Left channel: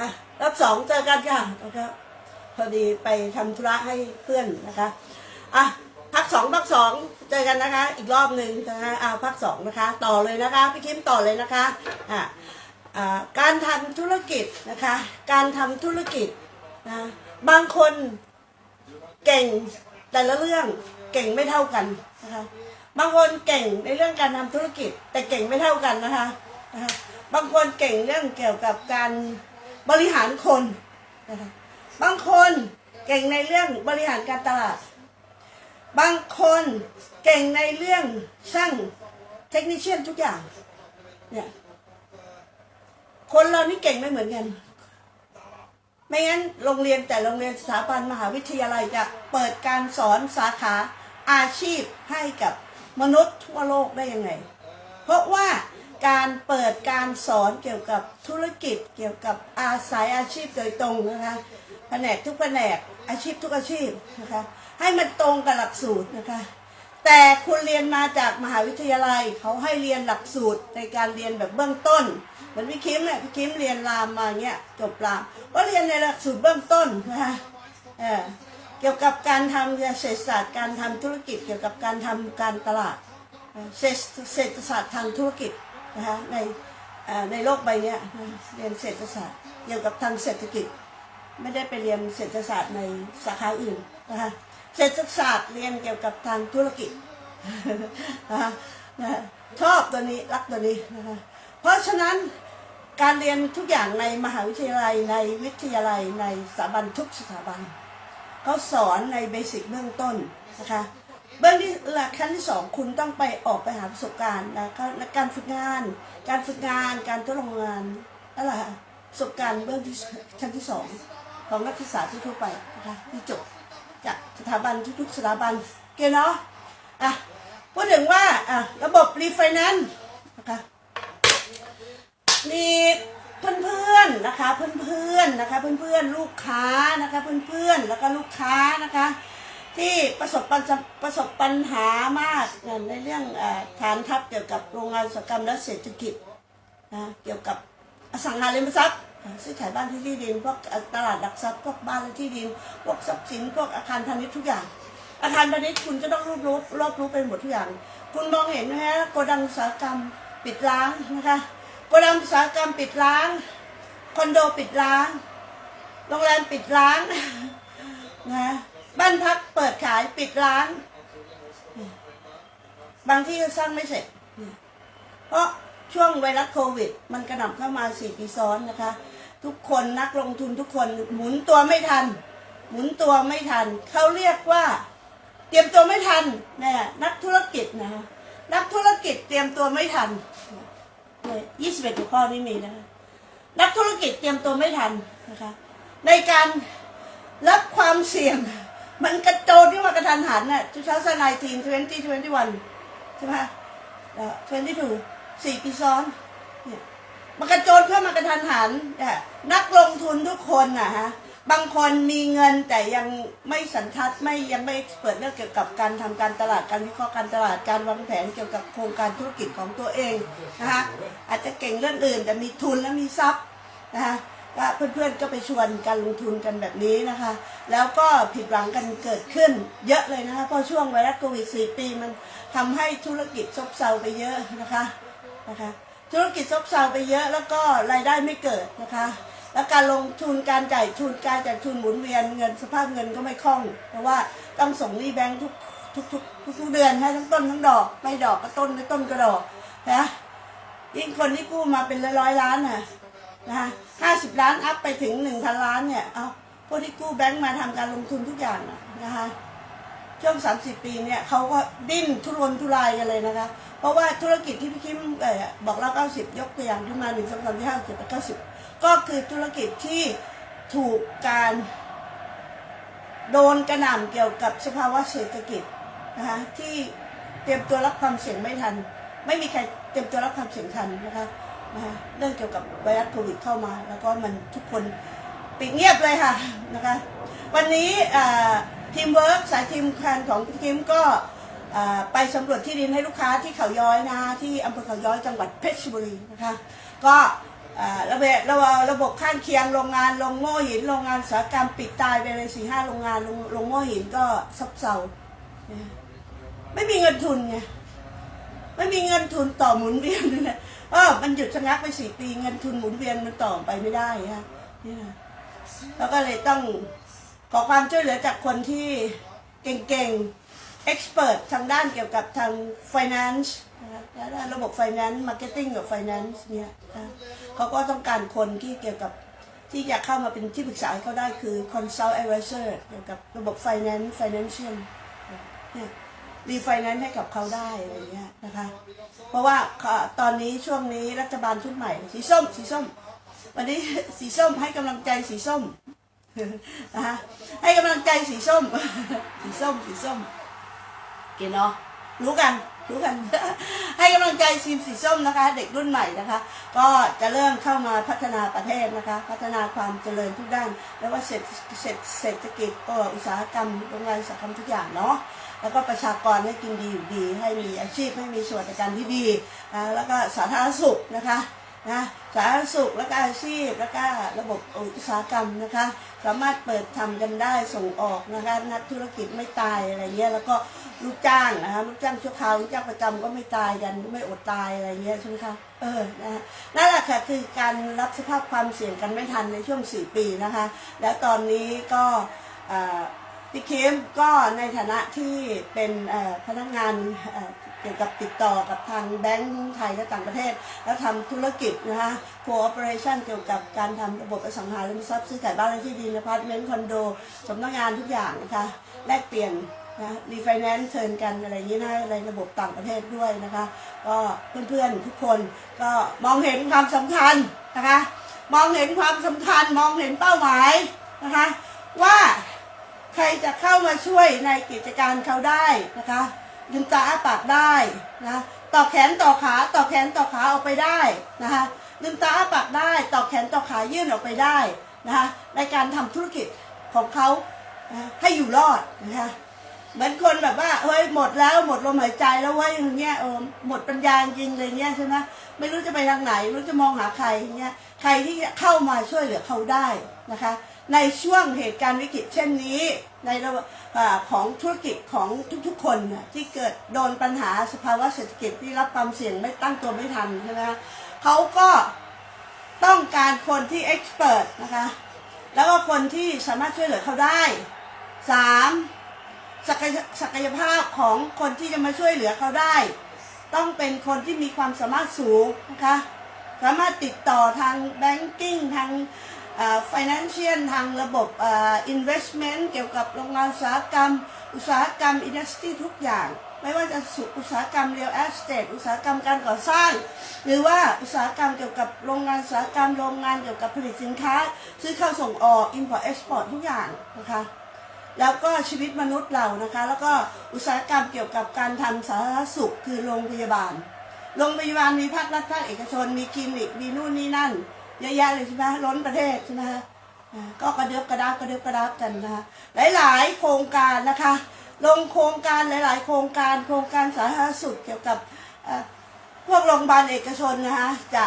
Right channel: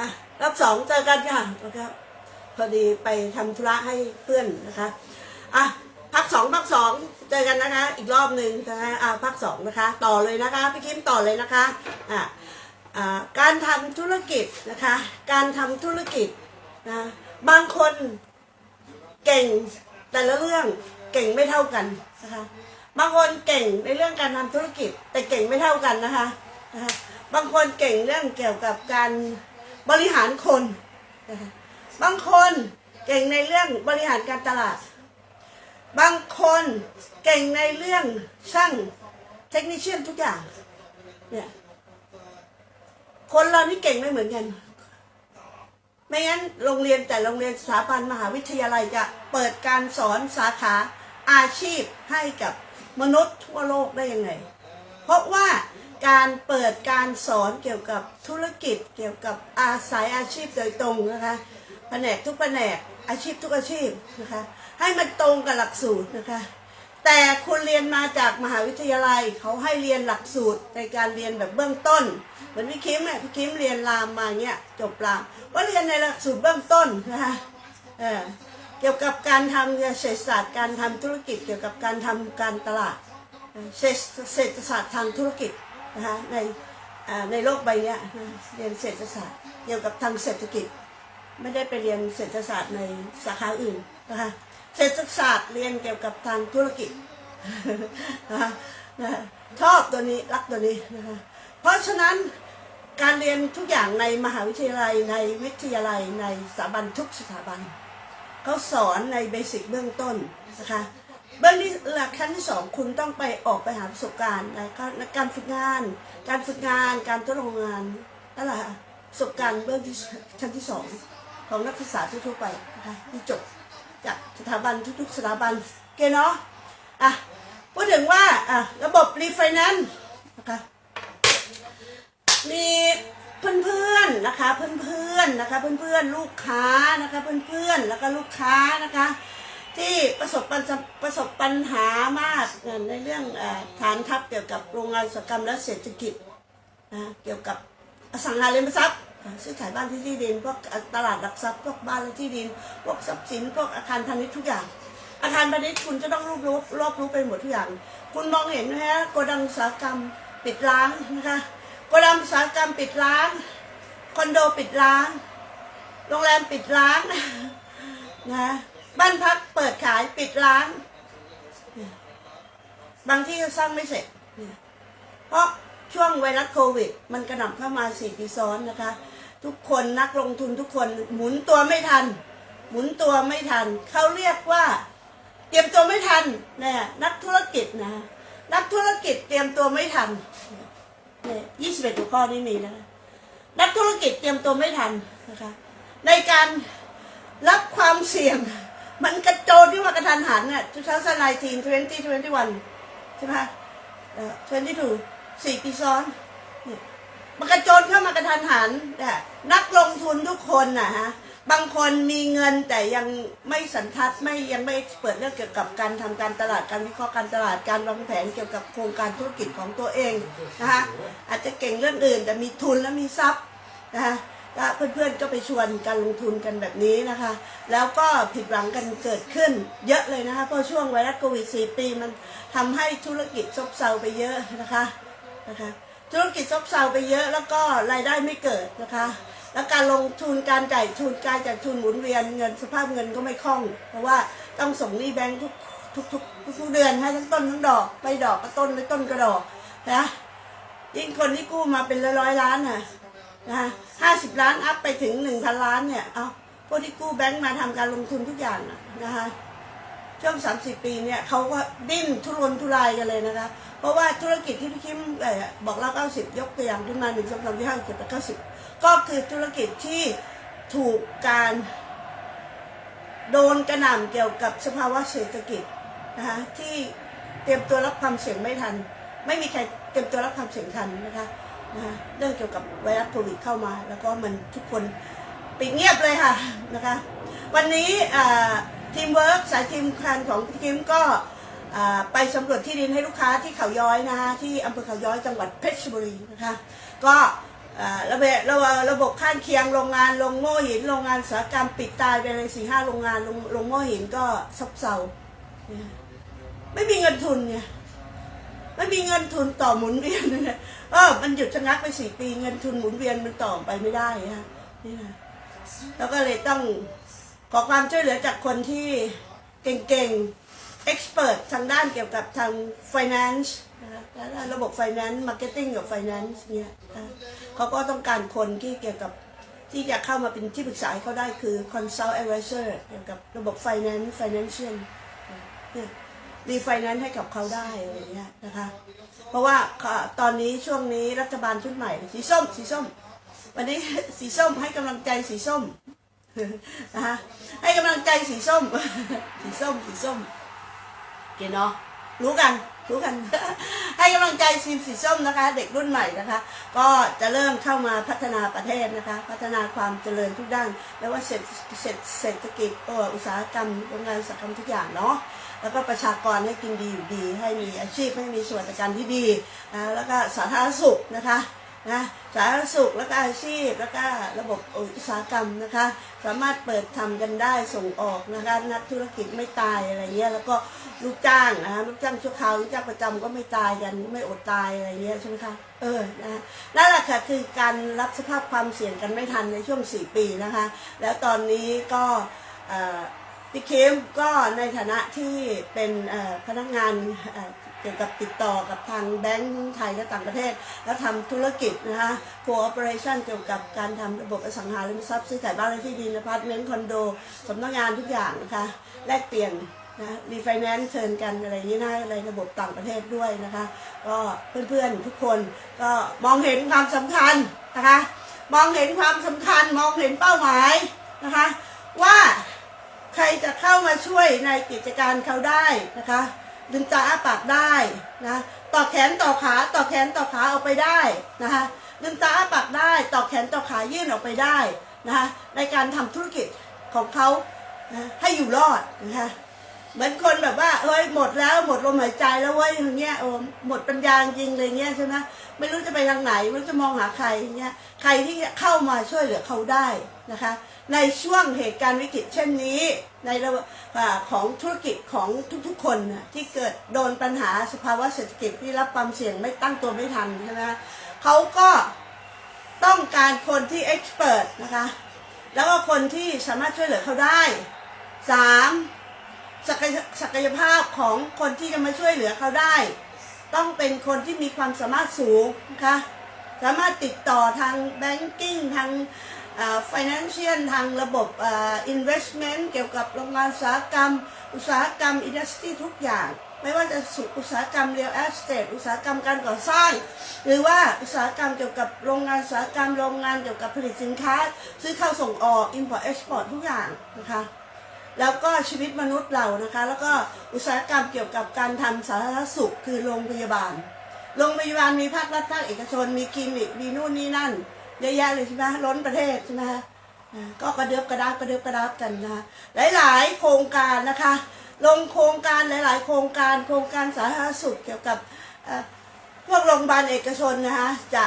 อะรอบสองเจอกันค่ะนะครับพอดีไปทำธุระให้เพื่อนนะคะอะพักสองพักสองเจอกันนะคะ อีกรอบหนึ่งนะคะอะพักสองนะคะ ต่อเลยนะคะพี่คิมต่อเลยนะคะอะอ่าการทำธุรกิจนะคะ การทำธุรกิจนะบางคนเก่งแต่ละเรื่องเก่งไม่เท่ากันนะคะบางคนเก่งในเรื่องการทำธุรกิจ แต่เก่งไม่เท่ากันนะคะนะคะ บางคนเก่งเรื่องเกี่ยวกับการ บริหารคนนะคะบางคนเก่งในเรื่องบริหารการตลาด บางคนเก่งในเรื่องช่างเทคนิชเชียนทุกอย่างเนี่ยคนเรานี่เก่งไม่เหมือนกัน ไม่งั้นโรงเรียนแต่โรงเรียนสถาบันมหาวิทยาลัยจะเปิดการสอนสาขาอาชีพให้กับมนุษย์ทั่วโลกได้ยังไง เพราะว่า การเปิดการสอนเกี่ยวกับธุรกิจ เกี่ยวกับอาศัยอาชีพโดยตรงนะคะแผนกทุกแผนกอาชีพทุกอาชีพนะคะให้มันตรงกับหลักสูตรนะคะแต่คุณเรียนมาจากมหาวิทยาลัยเขาให้เรียนหลักสูตรในการเรียนแบบเบื้องต้นเหมือนพี่คิมเนี่ยพี่คิมเรียนรามมาเนี้ยจบรามก็เรียนในหลักสูตรเบื้องต้นนะคะเออเกี่ยวกับการทำเศรษฐศาสตร์การทำธุรกิจ เกี่ยวกับการทำการตลาดเศรษฐศาสตร์ทางธุรกิจ นะคะในในโลกใบนี้เรียนเศรษฐศาสตร์เกี่ยวกับทางเศรษฐกิจ ไม่ได้ไปเรียนเศรษฐศาสตร์ในสาขาอื่นนะคะเศรษฐศาสตร์เรียนเกี่ยวกับทางธุรกิจนะคะนะชอบตัวนี้รักตัวนี้นะคะเพราะฉะนั้นการเรียนทุกอย่างในมหาวิทยาลัยในวิทยาลัยในสถาบันทุกสถาบันเขาสอนในเบสิกเบื้องต้นนะคะ เบื้องที่หลักขั้นที่สองคุณต้องไปออกไปหาประสบการณ์นะการฝึกงาน การฝึกงาน การทดลองงานนั่นแหละประสบการณ์เบื้องที่ชั้นที่สองของนักศึกษาทั่วไปนะคะที่จบจากสถาบันทุกๆสถาบันเคเนาะอะพูดถึงว่าอะระบบรีไฟแนนซ์นะคะมีเพื่อนๆนะคะเพื่อนๆนะคะเพื่อนๆลูกค้านะคะเพื่อนๆแล้วก็ลูกค้านะคะ ที่ประสบปัญประสบปัญหามากในเรื่องฐานทัพเกี่ยวกับโรงงานอุตสาหกรรมและเศรษฐกิจเกี่ยวกับอสังหาริมทรัพย์ซื้อขายบ้านที่ที่ดินพวกตลาดหลักทรัพย์พวกบ้านและที่ดินพวกทรัพย์สินพวกอาคารพาณิชย์ทุกอย่าง อาคารพาณิชย์คุณจะต้องรอบรู้รอบรู้ไปหมดทุกอย่าง คุณมองเห็นไหมฮะโกดังอุตสาหกรรมปิดร้างนะคะโกดังอุตสาหกรรมปิดร้างคอนโดปิดร้างโรงแรมปิดร้างนะ บ้านพักเปิดขายปิดร้าน บางที่ก็สร้างไม่เสร็จ เพราะช่วงไวรัสโควิด มันกระหน่ำเข้ามาสี่ปีซ้อนนะคะ ทุกคนนักลงทุนทุกคนหมุนตัวไม่ทัน หมุนตัวไม่ทัน เขาเรียกว่า เตรียมตัวไม่ทันเนี่ยนักธุรกิจนะนักธุรกิจเตรียมตัวไม่ทันเนี่ยยี่สิบเอ็ดหัวข้อนี้มีนะคะนักธุรกิจเตรียมตัวไม่ทันนะคะในการรับความเสี่ยง มันกระโจนที่ว่ากระทันหันน่ะทุกเช้าสนาทีนทเวนตี้ทเวนตี้วันใช่ไหมเอ่อทเวนตี้ทูสี่ปีซ้อนเนี่ยมันกระโจนเข้ามากระทันหันเนี่ยนักลงทุนทุกคนนะฮะบางคนมีเงินแต่ยังไม่สันทัดไม่ยังไม่เปิดเรื่องเกี่ยวกับการทำการตลาดการวิเคราะห์การตลาดการวางแผนเกี่ยวกับโครงการธุรกิจของตัวเองนะคะอาจจะเก่งเรื่องอื่นแต่มีทุนและมีทรัพย์นะคะ ก็เพื่อนๆก็ไปชวนการลงทุนกันแบบนี้นะคะ แล้วก็ผิดหวังกันเกิดขึ้นเยอะเลยนะคะ เพราะช่วงไวรัสโควิด 4 ปีมันทำให้ธุรกิจซบเซาไปเยอะนะคะนะคะ ธุรกิจซบเซาไปเยอะแล้วก็รายได้ไม่เกิดนะคะ แล้วการลงทุนการจ่ายทุนการจ่ายทุนหมุนเวียนเงินสภาพเงินก็ไม่คล่อง เพราะว่าต้องส่งหนี้แบงค์ทุกทุกทุกทุกทุกเดือนให้ทั้งต้นทั้งดอกไม่ดอกก็ต้นไม่ต้นก็ดอกนะยิ่งคนที่กู้มาเป็นร้อยร้อยล้านน่ะ นะคะห้าสิบล้านอัพไปถึงหนึ่งพันล้านเนี่ย เอาพวกที่กู้แบงค์มาทำการลงทุนทุกอย่างนะนะคะช่วง30ปีเนี่ยเขาก็ดิ้นทุรนทุรายกันเลยนะคะ เพราะว่าธุรกิจที่พี่คิมเออบอกแล้ว90ยกตัวอย่างขึ้นมา1 2 3 4 5 6 7 8 9 10ก็คือธุรกิจที่ถูกการโดนกระหน่ำเกี่ยวกับสภาวะเศรษฐกิจนะคะที่เตรียมตัวรับความเสี่ยงไม่ทัน ไม่มีใครเตรียมตัวรับความเสี่ยงทันนะคะ นะคะเรื่องเกี่ยวกับไวรัสโควิดเข้ามา แล้วก็มันทุกคนปิดเงียบเลยค่ะนะคะ วันนี้ทีมเวิร์กสายทีมคันของพี่คิมก็ไปสำรวจที่ดินให้ลูกค้าที่เขาย้อยนะคะที่อำเภอเขาย้อยจังหวัดเพชรบุรีนะคะก็ระเบิดระบระบบข้างเคียงโรงงานโรงโม่หินโรงงานสาหกรรมปิดตายไปเลยสี่ห้าโรงงานโรงโรงโม่หินก็ซบเซาไม่มีเงินทุนไงไม่มีเงินทุนต่อหมุนเวียนนั่นแหละ เออมันหยุดชะงักไปสี่ปีเงินทุนหมุนเวียนมันต่อไปไม่ได้ฮะนี่นะแล้วก็เลยต้องขอความช่วยเหลือจากคนที่เก่งๆ expert ทางด้านเกี่ยวกับทาง finance นะคะและระบบ finance marketing กับ finance เนี่ยเขาก็ต้องการคนที่เกี่ยวกับที่จะเข้ามาเป็นที่ปรึกษาให้เขาได้คือ consult advisor เกี่ยวกับระบบ finance financial เนี่ยรีไฟแนนซ์ให้กับเขาได้อะไรเงี้ยนะคะ เพราะว่าตอนนี้ช่วงนี้รัฐบาลชุดใหม่ สีส้ม สีส้ม วันนี้สีส้มให้กำลังใจสีส้มนะคะให้กำลังใจสีส้ม สีส้ม สีส้มเกเนาะรู้กันรู้กัน ให้กำลังใจทีมสีส้มนะคะ เด็กรุ่นใหม่นะคะ ก็จะเริ่มเข้ามาพัฒนาประเทศนะคะ พัฒนาความเจริญทุกด้าน ไม่ว่าเศรษฐเศรษฐเศรษฐกิจเอ่ออุตสาหกรรมโรงงานอุตสาหกรรมทุกอย่างเนาะ แล้วก็ประชากรให้กินดีอยู่ดี ให้มีอาชีพให้มีสวัสดิการที่ดีนะแล้วก็สาธารณสุขนะคะนะสาธารณสุขแล้วก็อาชีพแล้วก็ระบบอุตสาหกรรมนะคะ สามารถเปิดทำกันได้ส่งออกนะคะนักธุรกิจไม่ตายอะไรเงี้ยแล้วก็ลูกจ้างนะคะลูกจ้างชั่วคราวลูกจ้างประจำก็ไม่ตายกันไม่อดตายอะไรเงี้ยใช่ไหมคะเออนะฮะนั่นแหละค่ะคือการรับสภาพความเสี่ยงกันไม่ทันในช่วง 4 ปีนะคะ แล้วตอนนี้ก็เอ่อ พี่เคมก็ในฐานะที่เป็นพนักงานเกี่ยวกับติดต่อกับทางแบงก์ไทยและต่างประเทศ แล้วทำธุรกิจนะคะ cooperation เกี่ยวกับการทำระบบอสังหาริมทรัพย์ซื้อขายบ้านและที่ดินอพาร์ตเมนต์คอนโดสำนักงานทุกอย่างนะคะแลกเปลี่ยนนะรีไฟแนนซ์เชิญกันอะไรอย่างนี้นะในระบบต่างประเทศด้วยนะคะ ก็เพื่อนๆทุกคนก็มองเห็นความสำคัญนะคะ มองเห็นความสำคัญมองเห็นเป้าหมายนะคะว่า ใครจะเข้ามาช่วยในกิจการเขาได้นะคะลืมตาอ้าปากได้นะต่อแขนต่อขาต่อแขนต่อขาออกไปได้นะคะลืมตาอ้าปากได้ต่อแขนต่อขายื่นออกไปได้นะคะในการทำธุรกิจของเขานะให้อยู่รอดนะคะเหมือนคนแบบว่าเฮ้ยหมดแล้วหมดลมหายใจแล้วเว้ยอย่างเงี้ยโอ้หมดปัญญาจริงเลยเงี้ยใช่ไหมไม่รู้จะไปทางไหนไม่รู้จะมองหาใครอย่างเงี้ยใครที่เข้ามาช่วยเหลือเขาได้นะคะ ในช่วงเหตุการณ์วิกฤตเช่นนี้ ในระบบของธุรกิจของทุกๆ คนที่เกิดโดนปัญหาสภาวะเศรษฐกิจที่รับความเสี่ยงไม่ตั้งตัวไม่ทันใช่ไหมเขาก็ต้องการคนที่เอ็กซ์เพรสนะคะ แล้วก็คนที่สามารถช่วยเหลือเขาได้สามศักยศักยภาพของคนที่จะมาช่วยเหลือเขาได้ ต้องเป็นคนที่มีความสามารถสูงนะคะสามารถติดต่อทาง banking ทาง financial ทางระบบอ่อ investment เกี่ยวกับโรงงานอุตสาหกรรม อุตสาหกรรม industry ทุกอย่าง ไม่ว่าจะสุอุตสาหกรรม real estate อุตสาหกรรมการก่อสร้าง หรือว่าอุตสาหกรรมเกี่ยวกับโรงงานอุตสาหกรรมโรงงานเกี่ยวกับผลิตสินค้า ซื้อเข้าส่งออก import export ทุกอย่างนะคะแล้วก็ชีวิตมนุษย์เรานะคะ แล้วก็อุตสาหกรรมเกี่ยวกับการทำสาธารณสุขคือโรงพยาบาล โรงพยาบาลมีภาครัฐภาคเอกชน มีคลินิก มีนู่นนี่นั่น เยอะแยะเลยใช่ไหมล้นประเทศใช่ไหมคะก็กระเดือบกระดับกระเดือบกระดับกันนะคะหลาย ๆ โครงการนะคะ ลงโครงการหลาย ๆ โครงการโครงการสาธารณสุขเกี่ยวกับเอ่อพวกโรงพยาบาลเอกชนนะคะจะ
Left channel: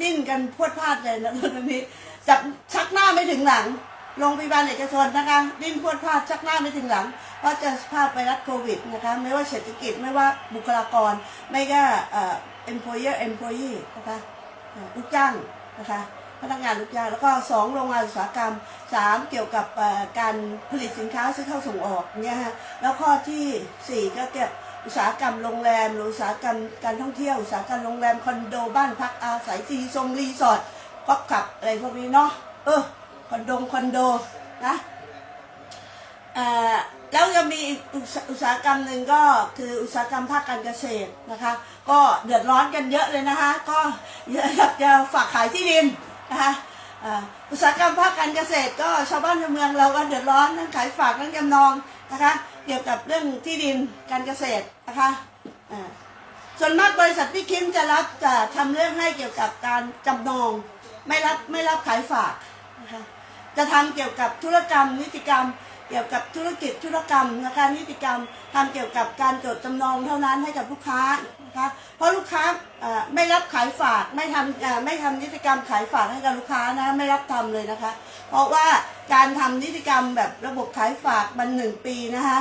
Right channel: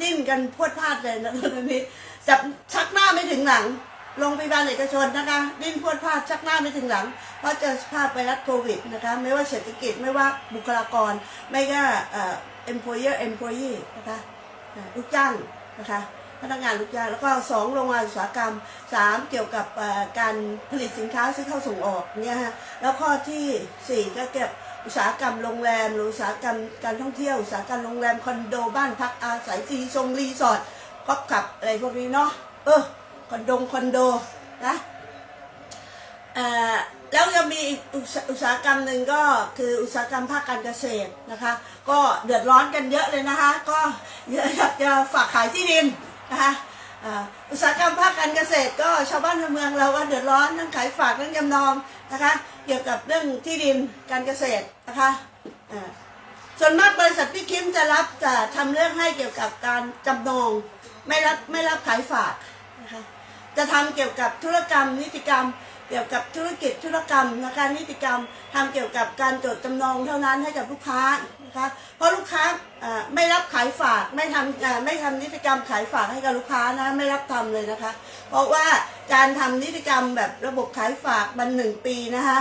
ดิ้นกันพวดพลาดเลยนะตอนนี้จับชักหน้าไม่ถึงหลังโรงพยาบาลเอกชนนะคะ ดิ้นพวดพลาดชักหน้าไม่ถึงหลังเพราะเจอสภาพไวรัสโควิดนะคะไม่ว่าเศรษฐกิจไม่ว่าบุคลากรไม่ว่าเอ่อ employer employee นะคะเอ่อลูกจ้าง นะคะพนักงานลูกจ้างแล้วก็สองโรงงานอุตสาหกรรมสามเกี่ยวกับการผลิตสินค้าซื้อเข้าส่งออกเนี่ยฮะแล้วข้อที่สี่ก็เกี่ยวกับอุตสาหกรรมโรงแรมอุตสาหกรรมการท่องเที่ยวอุตสาหกรรมโรงแรมคอนโดบ้านพักอาศัยรีทรงรีสอร์ทก็ขับอะไรพวกนี้เนาะเออคอนโดคอนโดนะอ่อ แล้วยังมีอุตสาหกรรมหนึ่งก็คืออุตสาหกรรมภาคการเกษตรนะคะ ก็เดือดร้อนกันเยอะเลยนะคะ ก็อยากจะฝากขายที่ดินนะคะอุตสาหกรรมภาคการเกษตรก็ชาวบ้านในเมืองเราก็เดือดร้อนทั้งขายฝากทั้งจำนองนะคะ เกี่ยวกับเรื่องที่ดินการเกษตรนะคะส่วนมากบริษัทพี่คิมจะรับจะทำเรื่องให้เกี่ยวกับการจำนองไม่รับไม่รับขายฝากนะคะจะทำเกี่ยวกับธุรกรรมนิติกรรม เกี่ยวกับธุรกิจธุรกรรมนะคะนิติกรรมทำเกี่ยวกับการจดจำนองเท่านั้นให้กับลูกค้านะคะเพราะลูกค้าไม่รับขายฝากไม่ทำไม่ทำนิติกรรมขายฝากให้กับลูกค้านะไม่รับทำเลยนะคะ เพราะว่าการทำนิติกรรมแบบระบบขายฝากมันหนึ่งปีนะคะ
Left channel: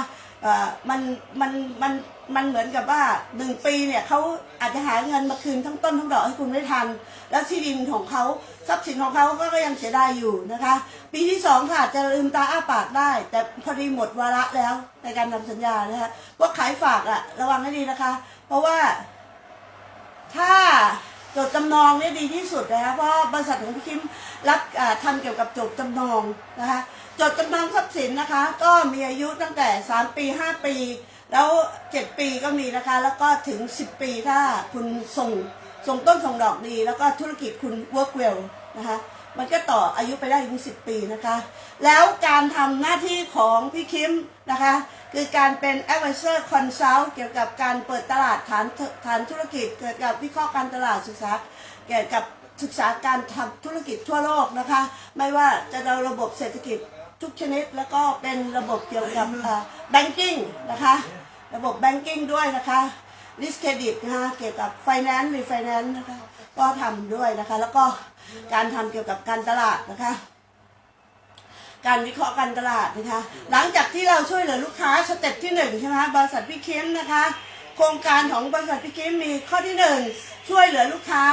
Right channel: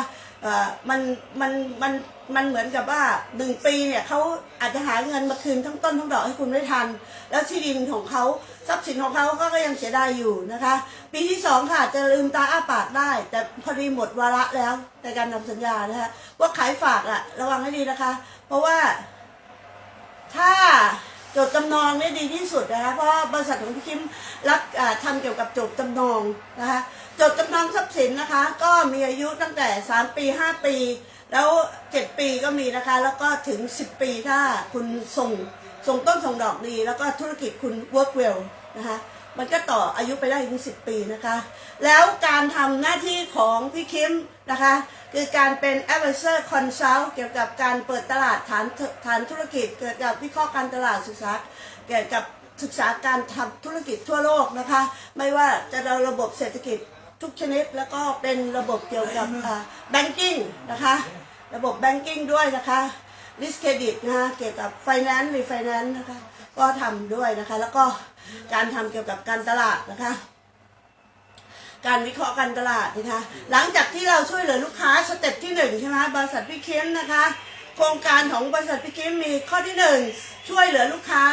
มันมันมันมันเหมือนกับว่าหนึ่งปีเนี่ยเขาอาจจะหาเงินมาคืนทั้งต้นทั้งดอกให้คุณไม่ทัน แล้วที่ดินของเขาทรัพย์สินของเขาก็ก็ยังเสียดายอยู่นะคะ ปีที่สองค่ะจจะลืมตาอ้าปากได้ แต่พอดีหมดวาระแล้วในการทำสัญญานะคะว่าขายฝากอะระวังให้ดีนะคะ เพราะว่าถ้า จดจำนองเนี่ยดีที่สุดนะคะเพราะบริษัทของพี่คิมรับอ่าทำเกี่ยวกับจดจำนองนะคะจดจำนองทรัพย์สินนะคะ ก็มีอายุตั้งแต่ 3 ปี 5 ปี แล้ว 7 ปีก็มีนะคะ แล้วก็ถึง 10 ปีถ้าคุณส่งส่งต้นส่งดอกดี แล้วก็ธุรกิจคุณ work well นะคะ มันก็ต่ออายุไปได้ถึง10ปีนะคะ แล้วการทำหน้าที่ของพี่คิมนะคะ คือการเป็น advisor consult เกี่ยวกับการเปิดตลาดฐานฐานธุรกิจ เกี่ยวกับวิเคราะห์การตลาดศึกษาเกี่ยวกับศึกษาการทำธุรกิจทั่วโลกนะคะ ไม่ว่าจะเราระบบเศรษฐกิจทุกชนิด แล้วก็เป็นระบบเกี่ยวกับ banking นะคะ ระบบ banking ด้วยนะคะ risk credit นะคะเกี่ยวกับ finance refinance นะคะ ก็ทำด้วยนะคะ แล้วก็การทำเกี่ยวกับการตลาดนะคะ การวิเคราะห์การตลาดนะคะ หลังจากที่เราช่วยเหลือลูกค้าสเต็ปที่หนึ่งใช่ไหมบริษัทพี่คิมนะคะ โครงการของบริษัทพี่คิมมีข้อที่หนึ่งช่วยเหลือลูกค้า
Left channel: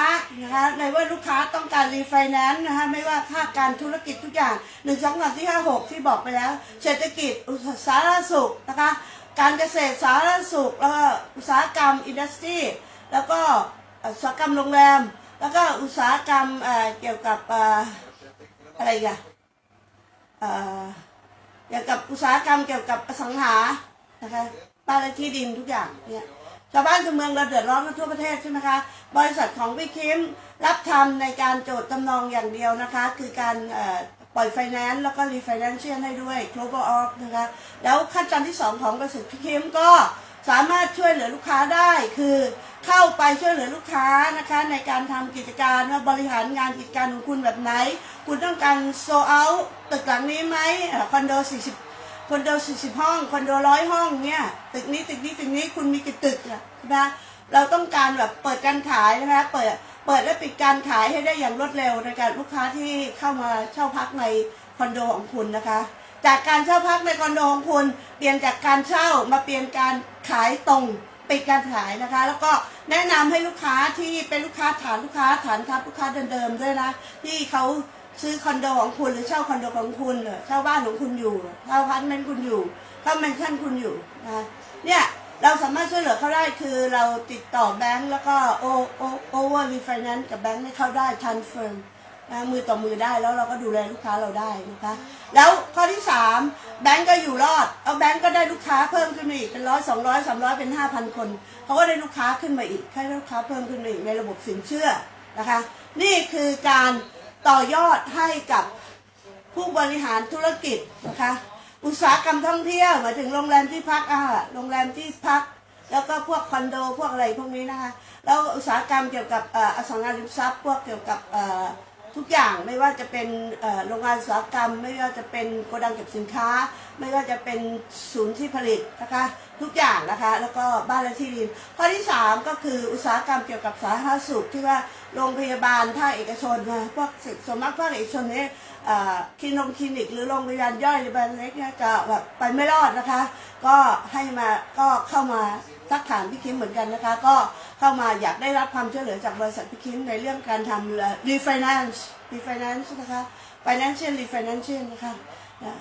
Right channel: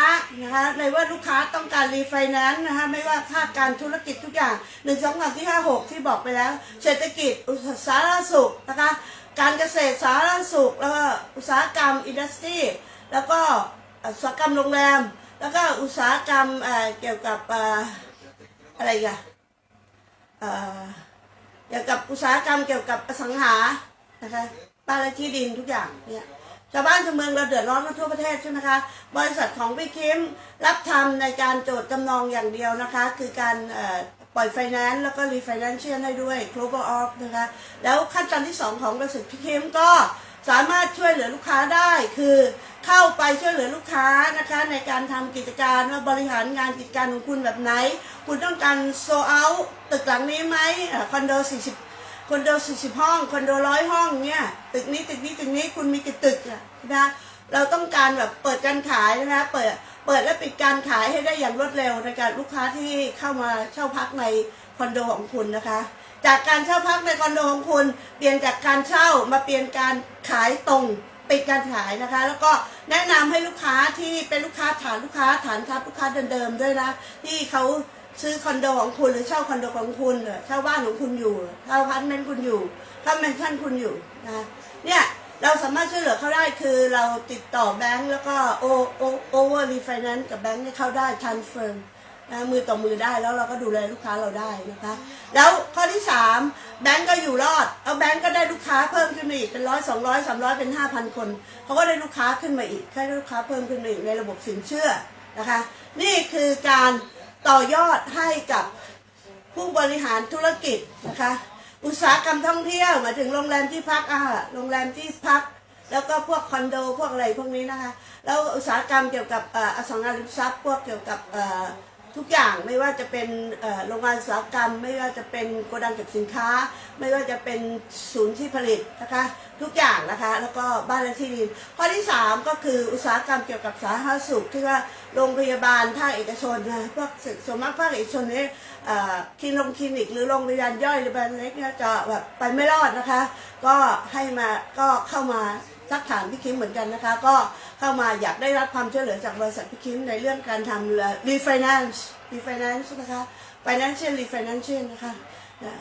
นะคะในว่าลูกค้าต้องการรีไฟแนนซ์นะคะไม่ว่าภาคการธุรกิจทุกอย่างหนึ่งสองสามที่ห้าหกที่บอกไปแล้ว เศรษฐกิจอุตสาหสุขนะคะการเกษตรสาธารณสุขแล้วก็อุตสาหกรรมอินดัสทรีแล้วก็ อุตสาหกรรมโรงแรม แล้วก็อุตสาหกรรมเเกี่ยวกับออะไรอีกันเเกี่ยวกับอุตสาหกรรมเกี่ยวกับอสังหานะคะบ้านและที่ดินทุกอย่างเนี่ยชาวบ้านชาวเมืองเราเดือดร้อนกันทั่วประเทศใช่ไหมคะ บริษัทของพี่คิมรับทำในการโจทย์จำนองอย่างเดียวนะคะ คือการปล่อยไฟแนนซ์แล้วก็รีไฟแนนซ์เชียให้ด้วย global off นะคะ แล้วขั้นตอนที่ 2 ของบริษัทพี่คิมก็ สามารถช่วยเหลือลูกค้าได้คือเข้าไปช่วยเหลือลูกค้านะคะ ในการทำกิจการว่าบริหารงานกิจการของคุณแบบไหน คุณต้องการโซเอาตึกหลังนี้ไหมคอนโด 40 คอนโด 40 ห้อง คอนโดร้อยห้องเนี่ยตึกนี้ตึกนี้ตึกนี้คุณมีกี่ตึกอะนะเราต้องการแบบเปิดการขายนะคะเปิดเปิดและปิดการขายให้ได้อย่างรวดเร็วในการลูกค้าที่เข้ามาเช่าพักในคอนโดของคุณนะคะ จากการเช่าพักในคอนโดของคุณ เปลี่ยนจากการเช่ามาเปลี่ยนการขายตรงปิดการขายนะคะ แล้วก็แนะนำให้ลูกค้าที่เป็นลูกค้าฐานลูกค้าฐานทัพลูกค้าเดิมๆด้วยนะที่เขาซื้อคอนโดของคุณหรือเช่าคอนโดของคุณเช่าบ้านของคุณอยู่เช่าพาร์ตเมนต์คุณอยู่เช่าแมนชั่นคุณอยู่นะเนี่ยเราสามารถช่วยเหลือเขาได้คือเราติดต่อแบงก์แล้วก็โอโอโอเวอร์รีไฟแนนซ์กับแบงก์ให้เขาได้ทันเฟิร์ม นะมือต่อมือได้แล้วเราก็ดูแลลูกค้าเราได้นะคะ แล้วข้อที่สามแบงก์ก็อยู่รอดเอาแบงก์ก็ได้ลูกค้าเพิ่มขึ้นมาอีกเป็นร้อยสองร้อยสามร้อยเป็นห้าพันคนเขาก็ได้ลูกค้าขึ้นมาอีกให้ลูกค้าเพิ่มขึ้นมาอีกในระบบสินเชื่อนะคะ นี่คือการต่อยอดให้กับผู้บริหารธุรกิจนะคะ อุตสาหกรรมท่องเที่ยวหมายถึงโรงแรมที่พักอ่าโรงแรมที่พัก แล้วก็พวกคอนโดพวกอะไรพวกนี้นะคะแล้วอุตสาหกรรมเกี่ยวกับอสังหาริมทรัพย์พวกเกี่ยวกับ ทุกอย่างไม่ว่าจะเป็นโรงงานอุตสาหกรรม ไม่ว่าจะเป็นโกดังเก็บสินค้า ไม่ว่าจะเป็นศูนย์ที่ผลิตนะคะทุกอย่างนะคะแล้วก็บ้านและที่ดินข้อที่สามก็คืออุตสาหกรรมเกี่ยวกับสาธารณสุขที่ว่าโรงพยาบาลภาคเอกชนนะพวกส่วนมากภาคเอกชนเนี่ยเอ่อคลินงคลินิก หรือโรงพยาบาลย่อยหรือโรงพยาบาลเล็กเนี่ยจะแบบไปไม่รอดนะคะ ก็ให้มาก็เข้ามา ทักถามพี่คิมเหมือนกันนะคะ ก็เข้ามาอยากได้รับความช่วยเหลือจากบริษัทพี่คิมในเรื่องการทำ refinance refinance นะคะ financial refinance นะคะนะ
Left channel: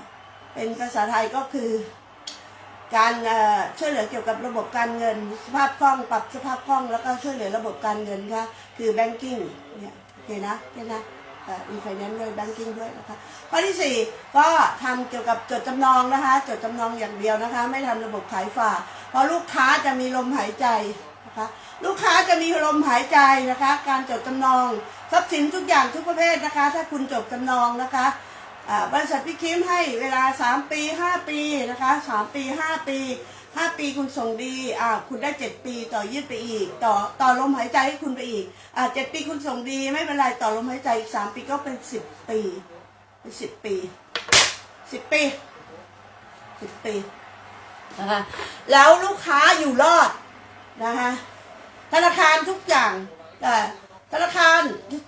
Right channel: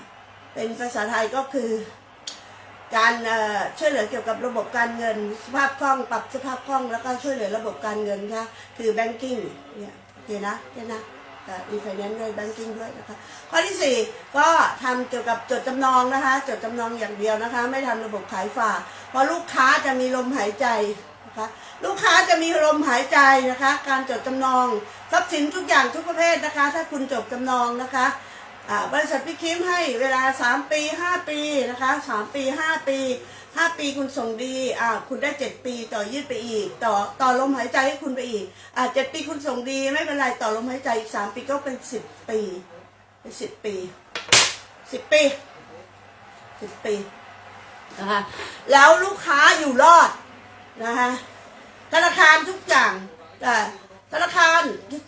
เป็นภาษาไทยก็คือ การช่วยเหลือเกี่ยวกับระบบการเงิน สภาพคล่องปรับสภาพคล่องแล้วก็ช่วยเหลือระบบการเงินค่ะคือ banking เนี่ยโอเคนะโอเคนะ อ่อ refinance ด้วย banking ด้วยนะคะ ข้อที่สี่ก็ทำเกี่ยวกับจดจำนองนะคะ จดจำนองอย่างเดียวนะคะ ไม่ทำระบบขายฝากเพราะลูกค้าจะมีลมหายใจนะคะ ลูกค้าจะมีลมหายใจนะคะ การจดจำนองทรัพย์สินทุกอย่างทุกประเภทนะคะ ถ้าคุณจดจำนองนะคะบริษัทพี่คิมให้เวลา 3 ปี 5 ปีนะคะ 3 ปี 5 ปี 5ปีคุณส่งดีอ่าคุณได้7ปีต่อยืดไปอีก ต่อต่อลมหายใจให้คุณไปอีกอ่า7ปีคุณส่งดีไม่เป็นไรต่อลมหายใจอีก3ปีก็เป็น10ปีเป็น10ปี10ปีสิบปีนะคะแล้วลูกค้าอยู่รอดนะคะธนาคารทุกอย่างแต่ธนาคาร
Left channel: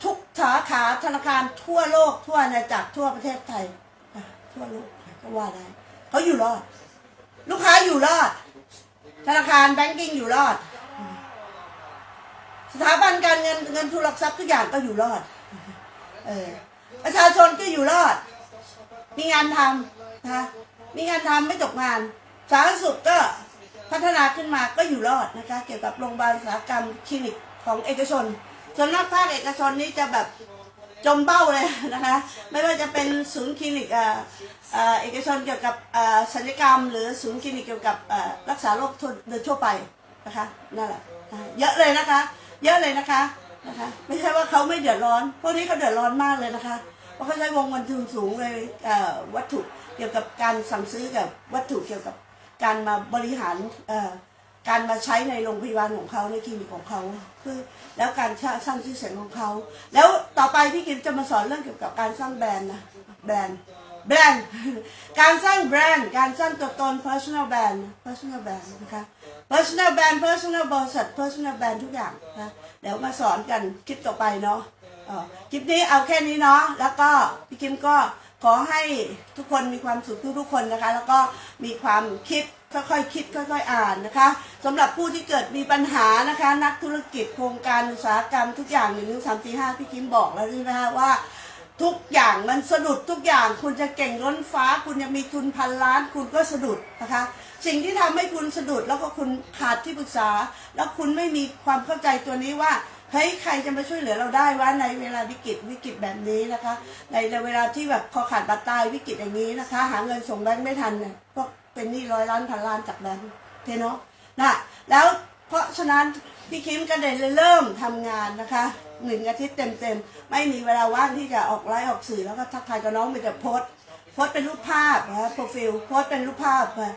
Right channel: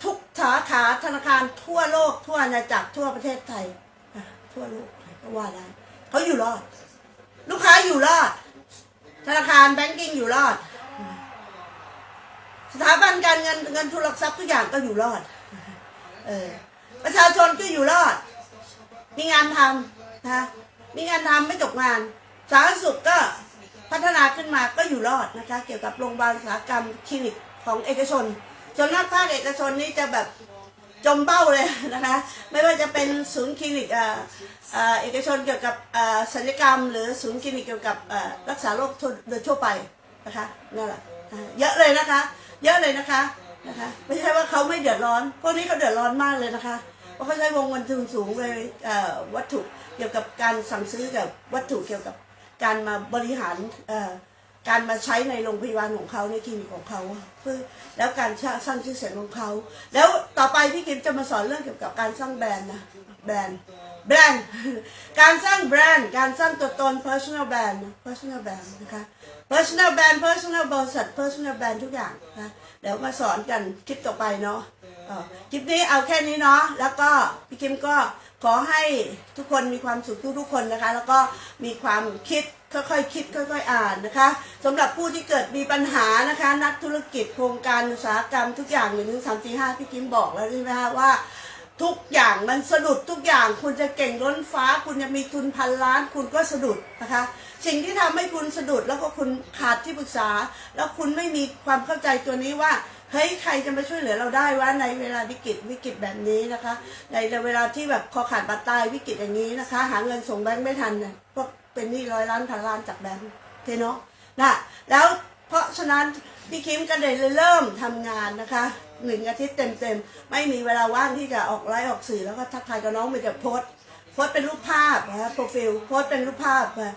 ทุกสาขาธนาคารทั่วโลกทั่วอาณาจักรทั่วประเทศไทยทั่วโลกก็ว่าได้เขาอยู่รอด ลูกค้าอยู่รอด ธนาคารแบงกิ้งอยู่รอด สถาบันการเงินเงินทุนหลักทรัพย์ทุกอย่างก็อยู่รอด เออ ประชาชนก็อยู่รอด มีงานทำนะคะมีงานทำไม่ตกงาน สาธารณสุขก็พัฒนาขึ้นมาก็อยู่รอดนะคะ เกี่ยวกับโรงพยาบาลสาหกรรมคลินิกของเอกชนส่วนมากภาคเอกชนนี้จะแบบ จมเบ้าเลยนะคะไม่ว่าจะเป็นศูนย์คลินิกเอ่อเอกชนเกี่ยวกับศัลยกรรม หรือศูนย์คลินิกเกี่ยวกับรักษาโรคโดยทั่วไปนะคะนั่นแหละเยอะเลยนะคะ เยอะเลยนะคะนะคะ ไม่ใช่ว่าเขาไม่เดือดร้อนพวกนี้เขาเดือดร้อนมากเลยนะคะเพราะเขาใช้วงเงินทุนสูงเลยวัตถุเกี่ยวกับการสั่งซื้อกับวัตถุเกี่ยวกับการมาบริหารอ การมาใช้ในโรงพยาบาลของเขาในคลินิกของเขาเพื่อแล้วการสร้างชื่อเสียงของเขา แล้วต่อไปพี่กิมจะมาสอนเรื่องเกี่ยวกับการสร้างแบรนด์นะแบรนด์แบรนด์การสร้างแบรนด์การสร้างตัวตน personal brand personal brand นะคะ personal brand personal บริษัท personal brand ทุกอย่างนะเดี๋ยวมาสอนกันคลิปต่อไปเนาะคลิปนี้เอาแค่นี้เนาะแล้วก็พี่คิมก็ขอให้ทุกคนมีความสุขทุกๆคนนะคะ แล้วก็มีความคิด ค่อยๆคิดค่อยๆอ่านนะคะสำหรับผู้ที่เกิดมีปัญหานะคะ นักธุรกิจโครงการอุตสาหกรรมทุกอย่างหนึ่งสามสี่ห้าพี่คิมบอกแล้วใช่ไหมคะว่าทุกอย่างมันสะดุดทุกอย่างคุณจะเก่งล้นฟ้า คุณจะมีทุนพันล้าน คุณก็สะดุดนะคะ สิ่งที่ทำให้คุณสะดุดแล้วก็คุณขาดที่ปรึกษา แล้วคุณไม่มีความเข้าใจตัวนี้ว่าเฮ้ยใครจะมาช่วยเหลือเราได้ว่าในเวลาวิกฤตวิกฤตแบบนี้นะคะ ในเวลาที่แบบคอขาดบาดตายวิกฤตอย่างนี้นะคะ หาเงินส่งแบงค์ไม่ทันเนี่ยพวก เป็นหนี้ร้อยล้านพันล้านจากแบงค์เทเนาะนะแล้วเพราะฉะนั้นพี่คิมก็เลยเริ่มทำงานนะคะหนึ่งอาทิตย์เต็มๆ ไม่มีเวลาว่างที่จะออกไลฟ์ออกสื่อแล้วก็ทักทายกับน้องมีแต่โพสโพสเป็นรูปภาพนะโปรฟิลโพสเป็นรูปภาพมา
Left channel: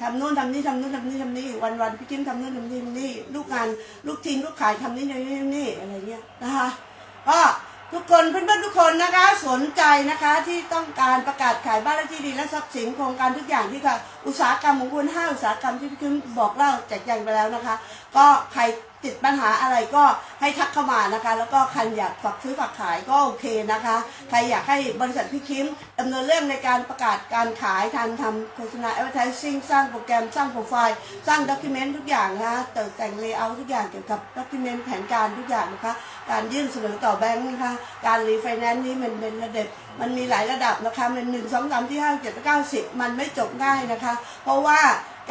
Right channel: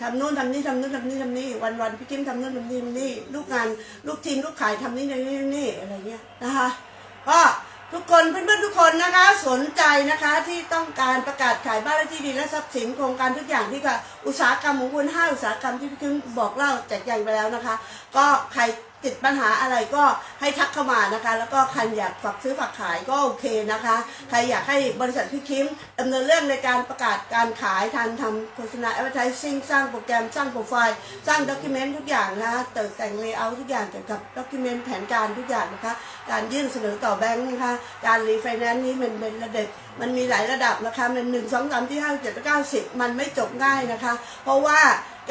ทำนู่นทำนี่ทำนู่นทำนี่ทำนี่วันวันๆพี่คิมทำนู่นทำนี่ทำนี่ลูกงานลูกทีมลูกขายทำนี่ทำนี่ทำนี่อะไรเงี้ยนะคะก็ ทุกคนเพื่อนๆทุกคนนะคะ สนใจนะคะที่ต้องการประกาศขายบ้านและที่ดินและทรัพย์สินโครงการทุกอย่างที่ค่ะอุตสาหกรรมของคุณห้าอุตสาหกรรมที่พี่คุณบอกเล่าแจกแจงไปแล้วนะคะ ก็ใคร ติดปัญหาอะไรก็ให้ทักเข้ามานะคะ แล้วก็ใครอยากฝากซื้อฝากขายก็โอเคนะคะ ใครอยากให้บริษัทพี่คิมดำเนินเรื่องในการประกาศการขายทางทำโฆษณา advertising สร้างโปรแกรมสร้างโปรไฟล์ สร้างด็อกิเมนต์ทุกอย่างนะคะแต่แต่งเลเยอร์ทุกอย่างเกี่ยวกับด็อกิเมนต์แผนการทุกอย่างนะคะ การยื่นเสนอต่อแบงค์นะคะ การรีไฟแนนซ์นี้มันเป็นระดับมันมีหลายระดับนะคะมันหนึ่งสองสามที่ห้าเจ็ดแปดเก้าสิบมันไม่จบง่ายนะคะ เพราะว่า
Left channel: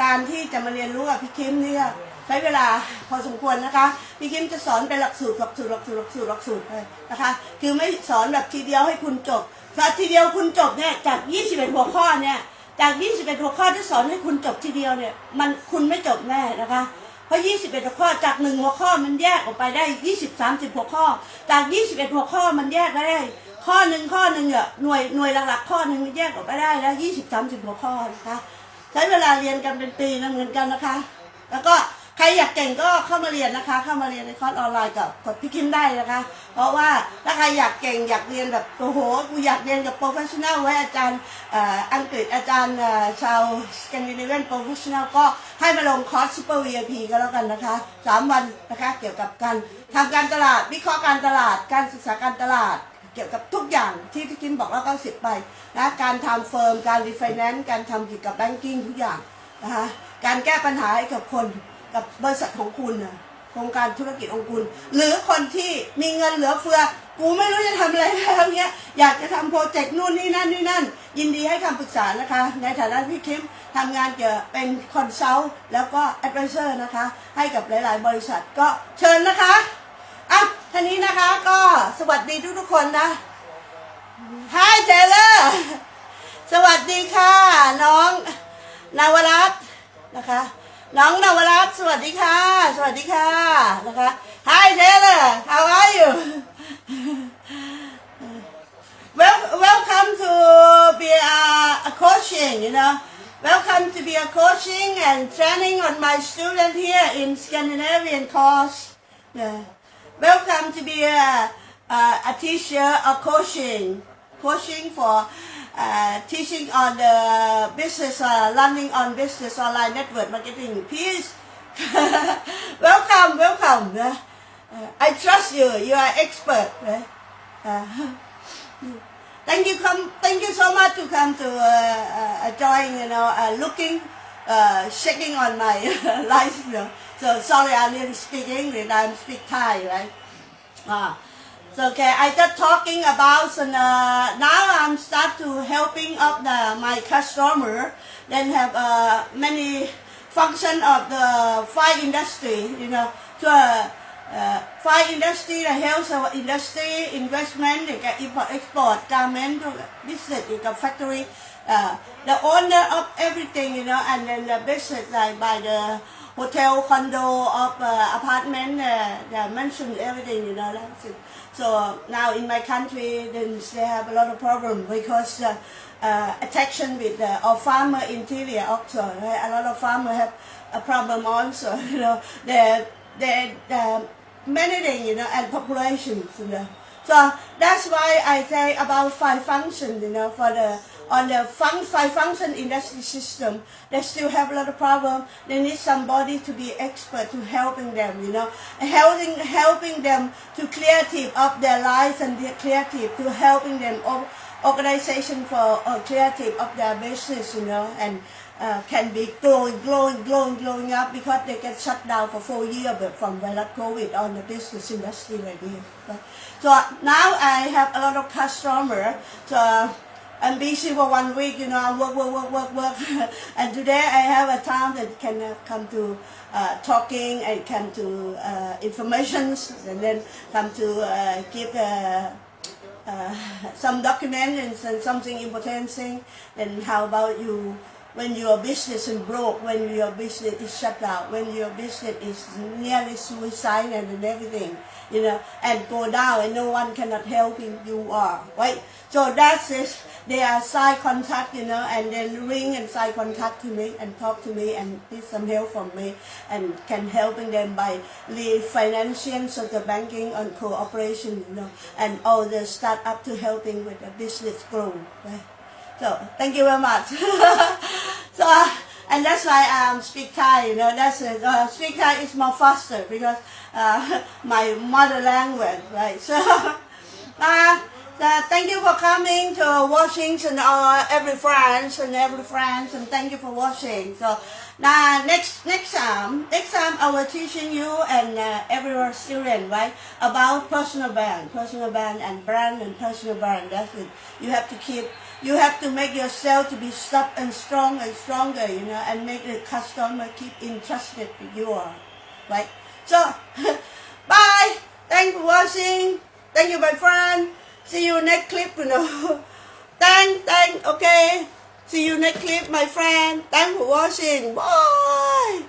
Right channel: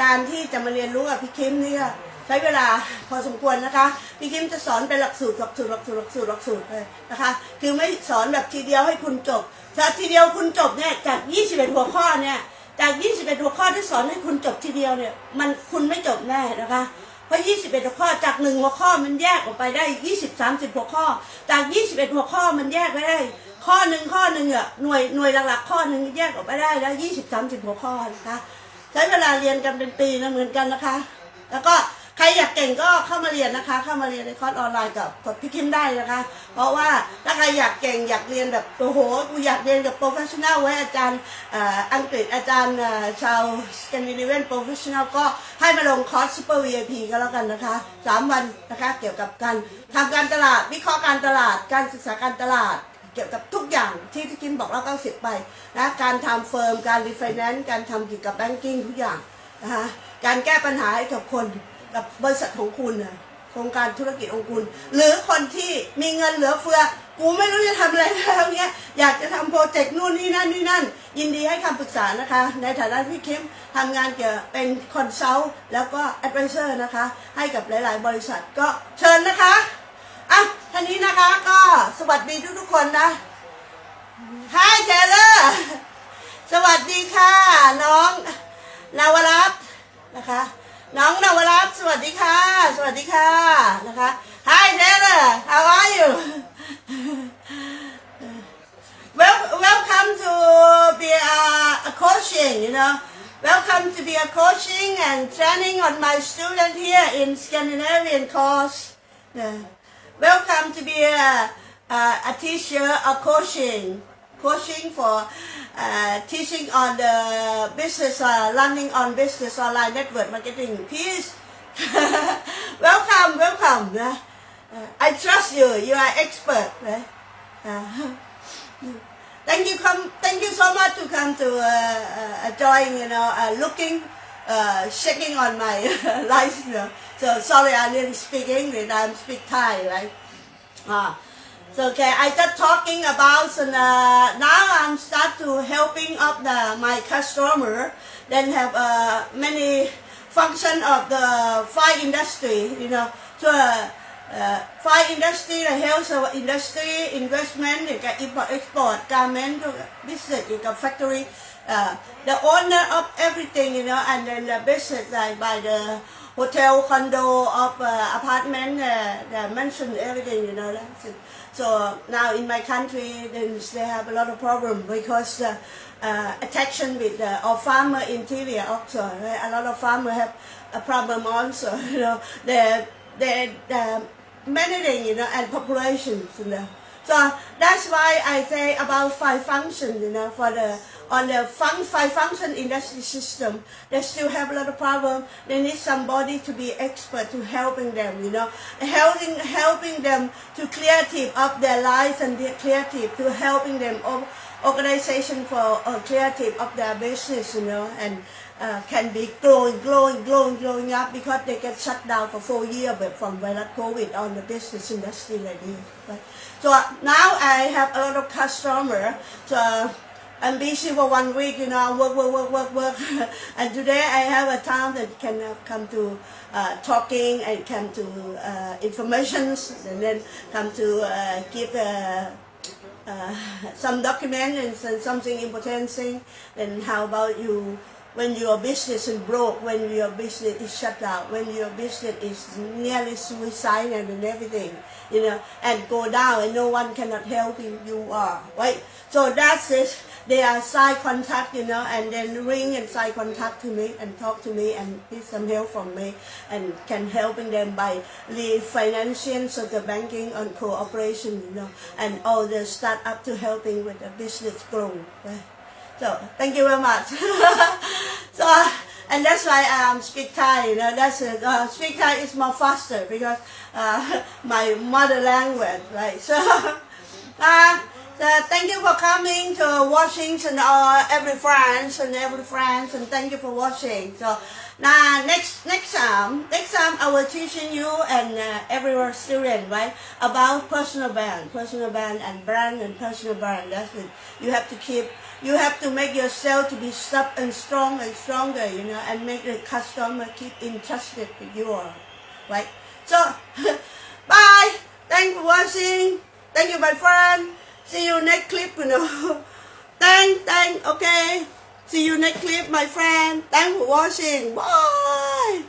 การที่จะมาเรียนรู้กับพี่คิมเนี่ย ใช้เวลาพอสมควรนะคะ พี่คิมจะสอนเป็นหลักสูตรหลักสูตรหลักสูตรหลักสูตรหลักสูตรเลยนะคะ คือไม่สอนแบบทีเดียวให้คุณจบถ้าทีเดียวคุณจบเนี่ยจาก 21 หัวข้อเนี่ยจาก 21 หัวข้อที่สอนให้คุณจบทีเดียวเนี่ยมันคุณไม่จบแน่นะคะ เพราะ 21 หัวข้อจากหนึ่งหัวข้อมันแยกออกไปได้ 20 30 หัวข้อ จาก 21 หัวข้อมันแยกได้ ข้อหนึ่งข้อหนึ่งอะหน่วยหน่วยหลักๆข้อหนึ่งแยกออกไปได้แล้ว 20 30 หัวข้อนะคะใช้เวลาเรียนกันเป็นปีนะเหมือนกันนะคะ แล้วก็ ใครอยากเก่งก็เข้ามาเรียนนะคะ เข้ามาเรียนในคอร์สออนไลน์กับกดพี่คิมได้นะคะ เพราะว่าถ้าใครอยากเก่งอยากเรียนแบบโอ้โหกูอยากเรียนกับโปรเฟชชั่นแนลไว้อาจารย์อังกฤษอาจารย์ชาวสแกนดิเนเวียนโปรเฟชชั่นแนลก็ให้มาลงคอร์สซูเปอร์ VIP ก็แล้วกันนะคะสามวันนะคะเกี่ยวกับการทำการตลาดวิเคราะห์การตลาด การศึกษาการตลาดเกี่ยวกับทุกอย่างที่พี่คิมบอกแล้วก็สิบไปนะการทำเฟิร์ม การรีไฟแนนซ์การทำเกี่ยวกับแบงกิ้งทุกอย่างนะคะการแก้ปัญหาให้กับคน กับบริษัทของคุณนะโครงการธุรกิจของคุณ หรือคนที่มีเงินเหลือเฟือ กูไม่รู้จะทำอะไรแล้วเนี้ยอยากจะทำโปรเจกต์นู่นนี่นั่นนี่นั่น ยินดีให้คำปรึกษานะคะ ในฐานะที่คิมทำงานเกี่ยวกับเป็นคอนซัลท์แล้วก็แอดไวเซอร์นะคะ ให้กับหลาย ๆ บริษัทก็เชิญนะคะอะท่านี้นะคะก็สวัสดีทุก ๆ คนนะ Hi Taylor สวัสดีค่ะ น้องนาวรัตน์นะคะ น้องนวรัตสวัสดีค่ะ Hi Taylor. How are you? Well welcome to be a, a coaching you know. Welcome to be a coaching and training on my student here in Scandinavian course. Welcome to be a, a, a teacher of coaching coaching for uh, teaching on the business, uh, learning on business online network marketing. Please, welcome, welcome. Uh, I trust you. You are expert. Uh, thank you, come. Thank you so much to come to uh, uh, join. You know, uh, looking, uh, checking on my life. You know. So sorry, I didn't speak English. I'm speak Thai, right? Ah. So, okay, I just talking about uh, now I'm start to helping up the my customer. Then have uh, many function of the fire industry. You know, so uh, uh, fire industry, the health industry, investment, the import, export, garment business, the factory. Uh, the owner of everything, you know, and then the business like by the hotel, condo, of uh, apartment, uh, mansion, everything, you know. So now in my country, they have a lot of problem because uh, uh, attraction with uh, our farmer interior also. Right? A lot of farmer have a problem also. You know, they they uh, managing, you know, and populations, you know. So that's why I say about five functions, you know, for the on the fun, five function industry system, they still have a lot of problem. They need somebody to be expert to helping them, you know, helping helping them to creative of their lives and be creative to helping them or organization for uh, creative of their business, you know, and uh, can be growing, growing, growing, growing up because they get shut down for four years from virus COVID on the business industry like? So now I have a lot of customer. So I'm busy for one week, you know, I work, work, work, work, work. and today I have a time that can come to uh, talking and come to uh, informations and then come to uh, give uh, uh, some document and some- something important thing. Then how about you when your business is broke, when your business is shut down, when your business is nearly suicidal and everything, you know, and go down and no one cannot help you, you are, right? So that's it. They are side contact, you know, and then ring and side contact to me and talk to me and need some help from me and can helping them by the financing, so the banking and cooperation, you know, and all the startup to helping with the business grow, right? So thank you very much. so uh, and that's why I um, speak Thai. You know, that's. Uh, speak Thai is more faster because uh, my mother language, right? So. Uh, uh, thank you for coming to Washington, uh, every friends and every friends, and thank you for watching. So now next next time, next time I will teaching you and uh, every student right about personal brand, personal brand and brand and personal brand. That's it. You have to keep. You have to make yourself to be tough and strong and stronger, you know, and make the customer keep interested with you, all, right? So, bye. Thank you for watching. Thank you, my friend. See you next clip, you know. thank, thank, okay. See you next clip, my friend. Thanks for watching. Bye.